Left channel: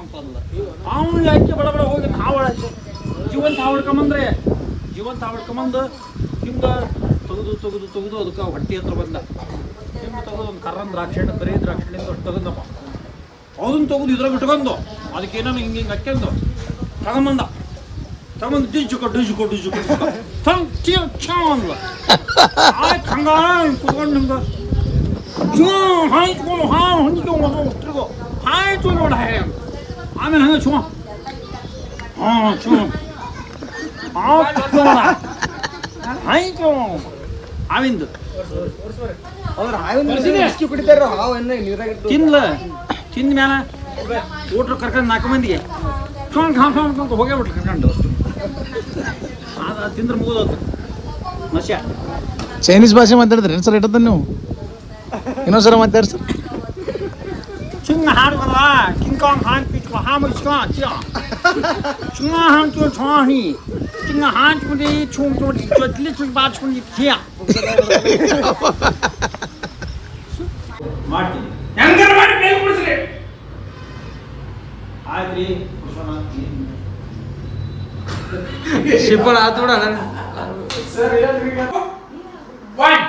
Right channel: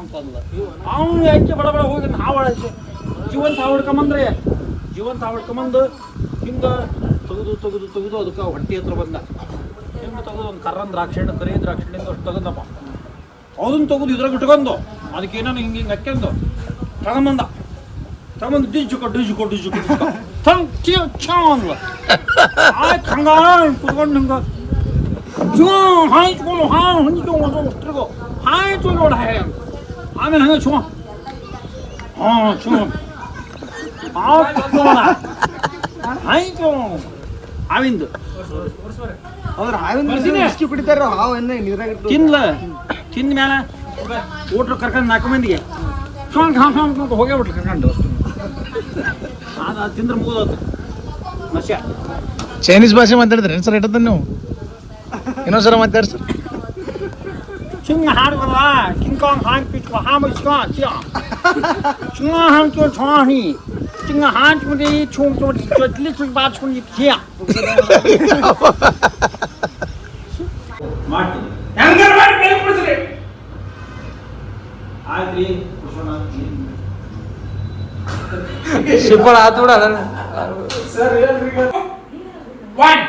ಅಂತಲ್ಲ ಅವನು ಯಾಕೆ ಬಡ ಬಡ ಹೋಗಿ ಹಾವು ಹಚ್ಚಿ? ಜೀವಂತ ಹಾವು ಹಿಡ್ಕೊಂಬಂದ್ರೆ ಜೀವಂತ ಹಾವು ಹಿಡ್ಕೊಂಬಂದು ಹಿಂಗೆ ತೆಗೆದು ತೆಗೆದು ತೆಗೆದು ಅದಕ್ಕೆ ಹೊಟ್ಟೆ ಹತ್ರ ಬಂದ. ಹಿಂಗೆ ತೆಗೆದು ಒಂದು ಕರ್ರನ್ ದ್ರಾಕ್ಷಿ ಹಣ್ಣು ಕರಿ ದ್ರಾಕ್ಷಿ ಹಣ್ಣಿಂದ ಅಷ್ಟು ತಗೊಂಡಪ್ಪ ಅದನ್ನ ತೆಗೆದು ಇದ್ರಾಗ ಇಟ್ಕೊಂಡು ಅದಕ್ಕೆ ಏನೋ ಹಿಂಗೆ ಹಿಂಗೆ ಹಾಕ್ಯಂದು ತಗೊಂಬಂದ. ತಗೊಂಬಂದು ಡಿಜುಕೊ ಡಿಜುಕೊ ಡಿಜುಕೊ ಡಿಜ್ಜುಕೊ ತಂಗ್ ಚೀ ಛಾ ಅಂದ್ಲ. ಆಯ್ತು ಕುತ್ಕೊಂಡು ಹಿಂಗೆ. ಜೂ ಹಾಯ್ಕೊಂಡು ಹಾ ಹೊಂದ್ಕೊಂಡು ಹಾಯ್ತು ನೋಡಿ ಹಾಯ್. ಆಮೇಲೆ ಹಂಗೆ ಚೂ ಹಾಂ ಚೂ ಹಾವನ್ನ ನೀರಾಗ ತಿನ್ಲ. ತಿಂದ ಮ್ಯಾಲ ಊಟ್ರು ಕರ್ಕೊಂಡು ನಾಲ್ಕು ಮಂದಿಗೆ. ಸೊಂಗ್ ಹಾಂ ಸೊಂಗ್ ಅಂತ ಹೋಗ್ಯಾಬಿಟ್ರು ಕರ್ಕೊಂಡು. ಅದು ತಿಂದ್ರೆ ಮುಗಿದೋದು ಮಸ್ಯ. ಚೈನೀಸ್ ಭಾಷೆ ಮಾತಾಡಿದ್ರಿ ಸರ್ ಇಟ್ಟದ ನೀವು? ಇನ್ನೊಂದ್ಸಲ ಮಾತಾಡ್ರಿ ಸರ್ ಚಿಂಗ ಹಾಡು ಬರಲ್ಲ ಕಿಂಗ್ ಕಾಂಗ್ ಹಾಂಗ್ ಪಿಚ್ಕೊ ಹಾಂ ಮಿಚ್ಕೊ ಚಿಯ ಚಿಂಗ ಹಾಂಗ್ ಚೋ ಛಾಣಿ ಚಿಂಗ ಹಾಂಗ್ ಮುಡಿ ಚೂಂಗ್ ಚೋಟಿ ಚೊಟ್ಲಿ ಚುಟ್ ಬಾಚ್ಕೊಂಡು ಚಿಯ ಮಾಡ್ತೀನಿ ಹೆಂಗಾರ ಮಾಡಿ ಬೇಗ ಕೊಡಿಸ್ರಿ ಆಯ್ತ್ರಿ ಕುಡ್ಸೋಣ ಶಿಪ್ಪಳ ಆತು ಬಿಡ ಒನ್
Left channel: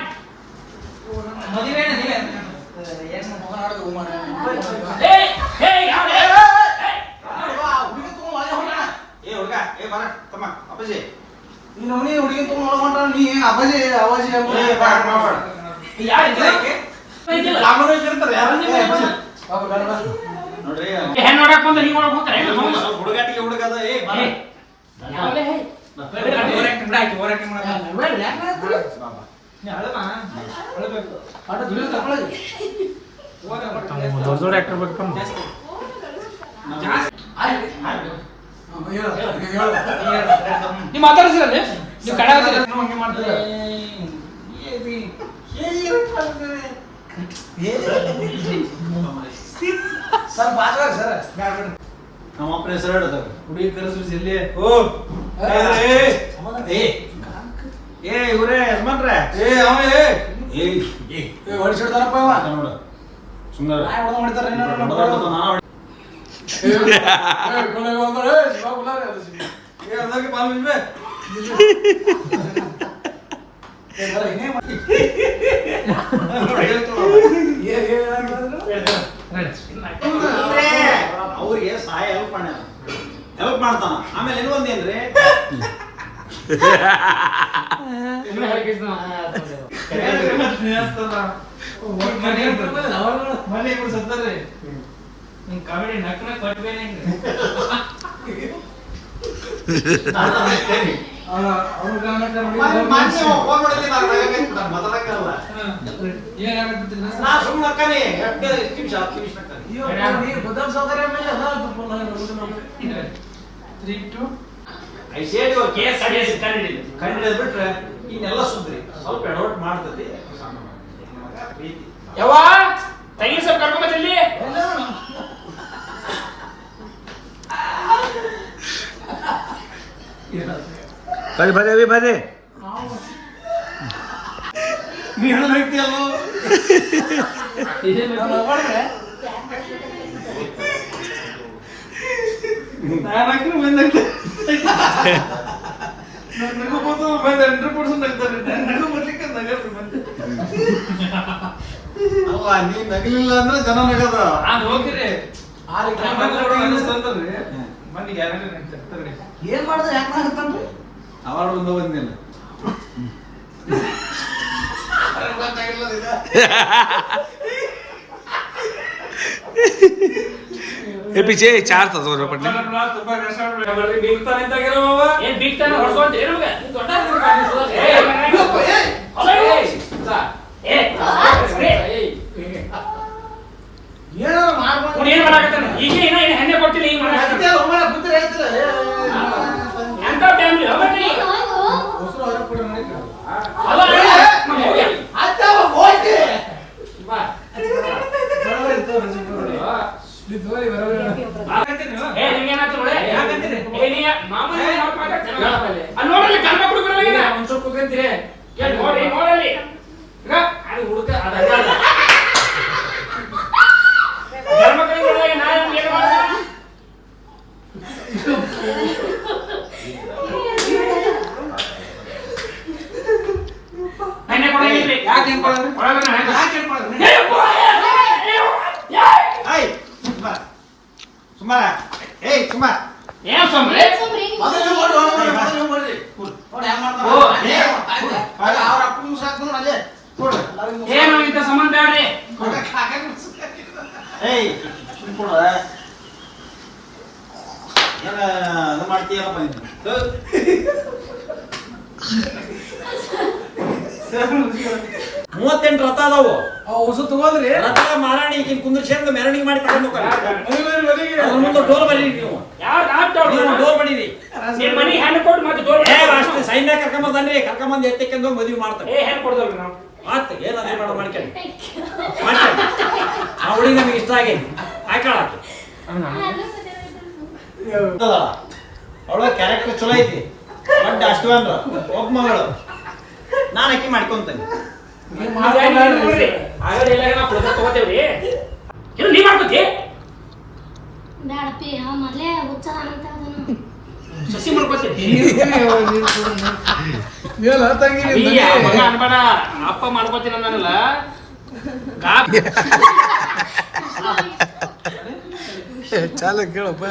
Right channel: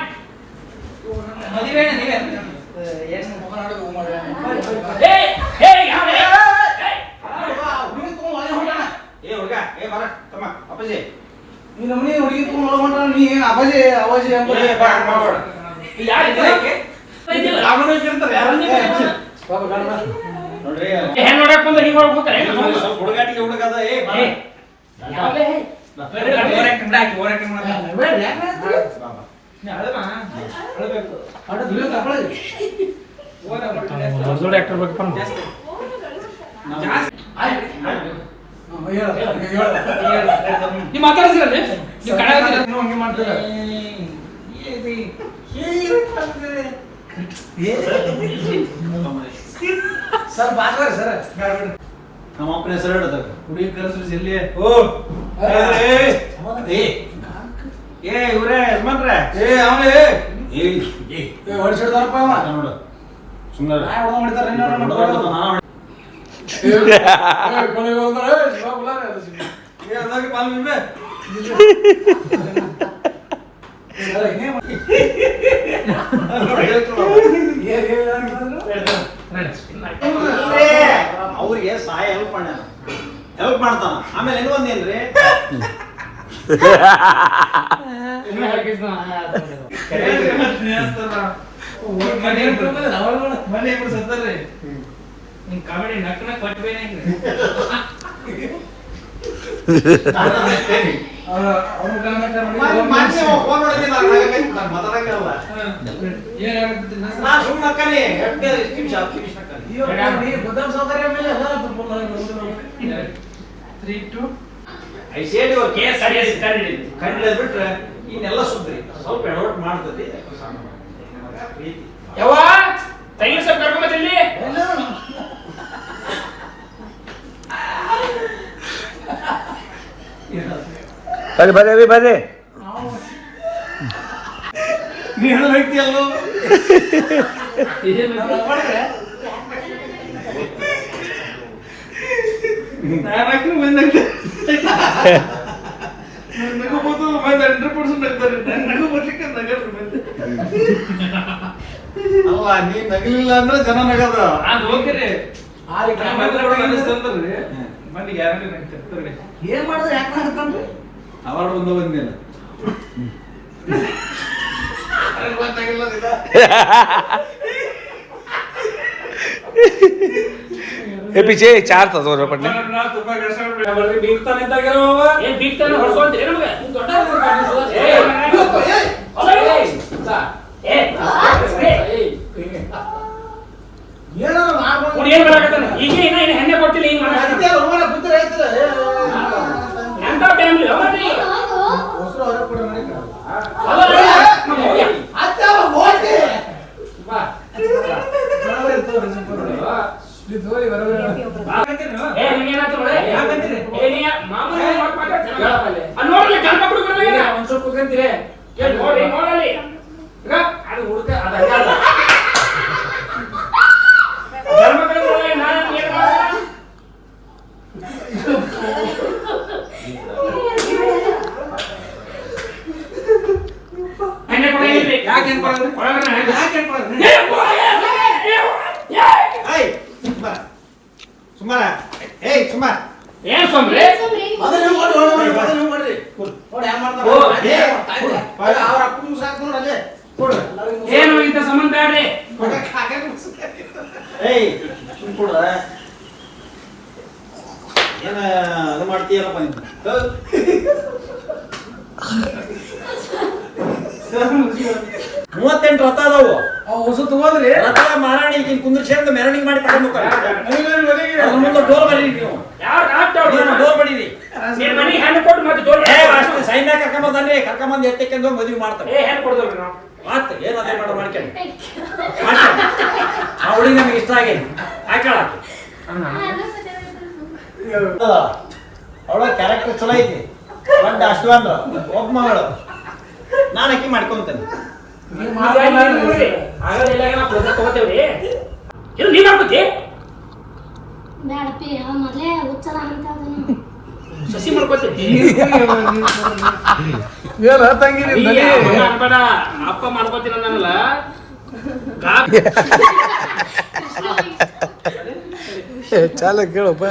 ಹೆಣ್ಣು ನೋಡಕ್ ಬಂದ್ರೆ ಹಿಂಗ್ ಒಳಗ್ ಹೋಗ್ತಾರೆ ಹೆಂಗ್ ಹೋಗಿ? ಸ್ವಲ್ಪ ಹುಡುಗಾಟಿಗೆ ಹುಡುಗ ಅದ ಏ ಬಾ. ಬೇಡ, ಯಾಕ್ ಮಾಡ್ತೀರಿ? ಆಟ ದುಡಿಯೋ ತಗೊಳ್ಳಿ. ದೊಡ್ಡ ದೊಡ್ಡ ಆಕ್ಟರ್ ಬೇಕಪ್ಪ ನಾವು. ಹ್ಮ್, ಹೇಳು, ಈಗ ಹೇಳು, ಈಗ ಹೇಳು. ನೀವ್ ಮಾತಾಡ್ಸಿಲ್ಲ ನೀವ್? ನೀವ್ ಕಡೆ ಹಾಕಿಲ್ಲ? ನೀವು ಹಂಗೆ ಮಾಡ್ತೀರ. ಸರ್ ಬೇಡ, ಬೇಡ. ನಮ್ಮ ಅಪ್ಪನ ಹೆಸರು ಹೇಳದ ಹುಡುಗಿ ಕರೆಸ್ರಿ ಜಲ್ದಿ ಓ ಏ, ಏ, ಏ ಇವ್ರೇ ಯಜಮಾನ್ರೆ ಏ ಅವನೇ ಏ ಏ ಹೊಡಿಸಿಡ್ತಾರಪ್ಪ ಅವ ನೋಡು ಸುಮ್ಮನೆ ನಾನು ಏ. ಅದಾಗಿ ಪಾಲ್ ಬಿಡ್ಬೆ ಅವ್ರಿಗೆ ಸಹಾಯ ಹೆಲ್ಪ್ ಮಾಡ್ಯಾನ ಹೆಲ್ಪ್ ಮಾಡ್ತಾನ. ಆಮೇಲೆ ಏನು ಒಂದೇನ್ರಿ ಕಾಮಿಡಿ ನಕ್ ನಕ್ ಕೊಟ್ಬೇನೆ ಬಿಟ್ರೆ ಇನ್ನೆಲ್ಲ ಸುದ್ರಿ ಸ್ವಲ್ಪ ಎಡವಟ್ ಮಾಡ್ತತಿ ಪ್ರೀತಿ ತಂಗಿ ಸ್ವಲ್ಪ ಕರ್ಕೊಂಡ್ ಎಲ್ಲ. ಬರ್ರಿ ಬರ್ರಿ ಅಭಿ ಬರ್ರಿ ಅಲ್ಲ ನೀ ನಗಲಿಲ್ಲ ಅಂದ್ರೆ ಜನ ನಗದ. ಆ. ಏನ್ ಮಾಡಿದ್ರೆ ಯಾಕೆ ಹಾಕ್ತಾನ್ರಿ ಅವಾರ್ಡ್ ಬಂದ ಬಂದಿಲ್ಲ ಏ ಪಿಚೆ ಚಾರ್ ತಗೋರ ಪಟ್ನೆ ಏನಾರ ಮಾಡ್ಕೊಂಡು ಏನ್ ಮಾಡಕತ್ತಾನ ಈಗ ಏನ ಹೆಣ್ಣೆ ಕೊಟ್ಟಿಲ್ಲ ಈಗ ಮಾಡಕತ್ತಾನ ನನಗೆ. ಅಲ್ಲ, ಯಾಕೆ ಅನ್ಕೊಳ್ಳೋದು ಯಾಕೆ ಅನ್ಕೊಳ್ಳೋದು ಏಯ್ ಸುಮಾರ ಸುಮಾರ ಏಯ್ ಸುಮಾರ ಏನ್ ಸೊಮ್ರಿ ಮೊದಲು ಓಡಿ ಓಡಿ ಮೊದಲು ಓಡಿ ನೋಡಿ ಏನ್ ಮಾಡ್ತಾರೆ ಅವ್ರ ಅಪ್ಪನ ಸಾಕೊಂಡು ಅಲ್ಲೇ ಏನು ಇಂತ ಸಂಬಂಧ ಆಡ್ರಿ ಏಯ್ ಕೂಡ ಏನ ಅದು ಮಾಡ್ತೀಯಲ್ಲಪ್ಪ ನೀನು ಮೂವತ್ತೆಂಟು ರಥ ಅದಾವು. ಹೊಸ ತಗೋದ್ರಿ. ರಥ ಮಾರಾಣಿ ಈಗಿನ ಕುಂದ್ರಿಸ್ಕೊಂಡು ಮೆರವಣಿಗೆ ಮಾಡಿ ತಗೊಂಡು ಅದ್ರ ಮುಂದೆ ಡೋರ್ ಬರೀರಿ ನೀವು. ಡೋರ್ ಬಡೀರಿ ಏ ಅಷ್ಟು ಸೈನ್ಯ ಕರ್ಕೊಂಬಂದ್ರಿ ಕರ್ಕೊಂಬಂದು ಎತ್ತಕ್ಕೆಂದು ಮದುವೆ ಮಾಡ್ತಾರೆ. ಮಾಡೋ ಆ ಹುಡುಗಿ ನಮಗೆ ಇಷ್ಟ ಆಗೇನಿ. ಅವಳ ಕ್ಯಾರೆಕ್ಟರ್ ಚಲೋ ಐತಿ. ದೊಡ್ಡ ಅಷ್ಟವಂದ್ರ ಒಬ್ಬ ಮಗಳು. ನಾನು ಅಕ್ಕಿ ಮಾಡ್ಕೊಂತೇನೆ. ನಾವು ಮಾಡ್ಕೋತಿ. ಬ್ಯಾಡಪ್ಪಿ ಅವ ಮೊದ್ಲೇ ಅಂತ ಸಸಿ ಅನ್ಬೇಡ. ಅಪ್ಪ ಮಾಡ್ಕೋತೀನಿ ಅನ್ನಲ್ಲ ಚಾಲ ಕೇಳಪ್ಪ.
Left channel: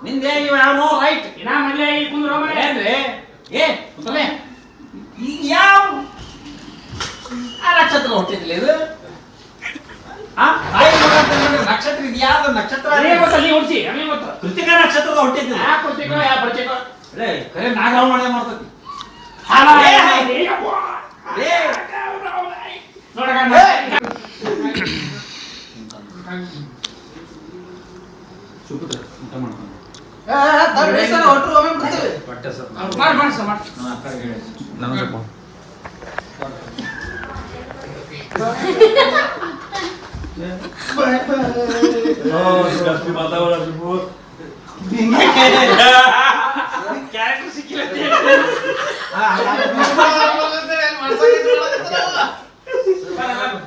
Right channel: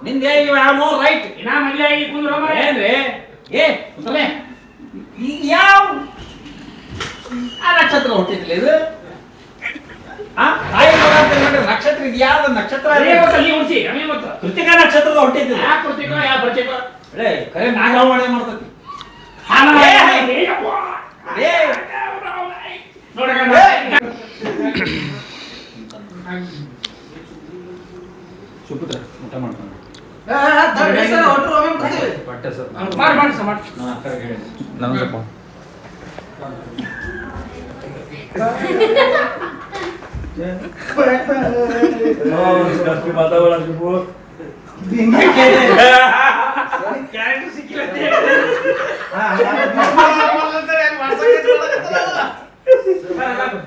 ನಿಂದೆ ನೋ ರೈಟ್ ಇನ್ನ ಮದ್ವೆ ಆಗಿ ಕುಂದ್ರ ಏನ್ರಿ ಏ. ಯಾವ ಆ ನಕ್ಷತ್ರ ಹುಟ್ಟಿದ್ಲಿ ಇದು ಆ ತಾಯಿ ನಕ್ಷತ್ರ ಇದು ಯಾವ್ದು ನಕ್ಷತ್ರ ಕೃತಿಕಾ ನಕ್ಷತ್ರದ ಬರ್ತೀಕೋ ಏ ಕರೆ ನಾಗರಾವ್ ಮಾಡೇ ಮಾಡ್ತತಿ ಹಾಲ ಏ, ಏ, ಏ ನೋಡಕ ಸುಪುತ್ರ ಊಟ ಮಾಡ್ಕೊಂಡು ಹೊಟ್ಟೆ ಸರ್ ಮಾಡಿ ಮಾಡಿ ಸರ್, ಮಾಡಿ ನಾನು ಅಕ್ಕ ಹೇಳಿ ನಾನು ಸ್ವಲ್ಪ ಕ್ಯಾರೆಕ್ಟರ್ ಸಿಕ್ಕಿಲ್ಲ ಹಾ, ಹಾ, ಹಾ.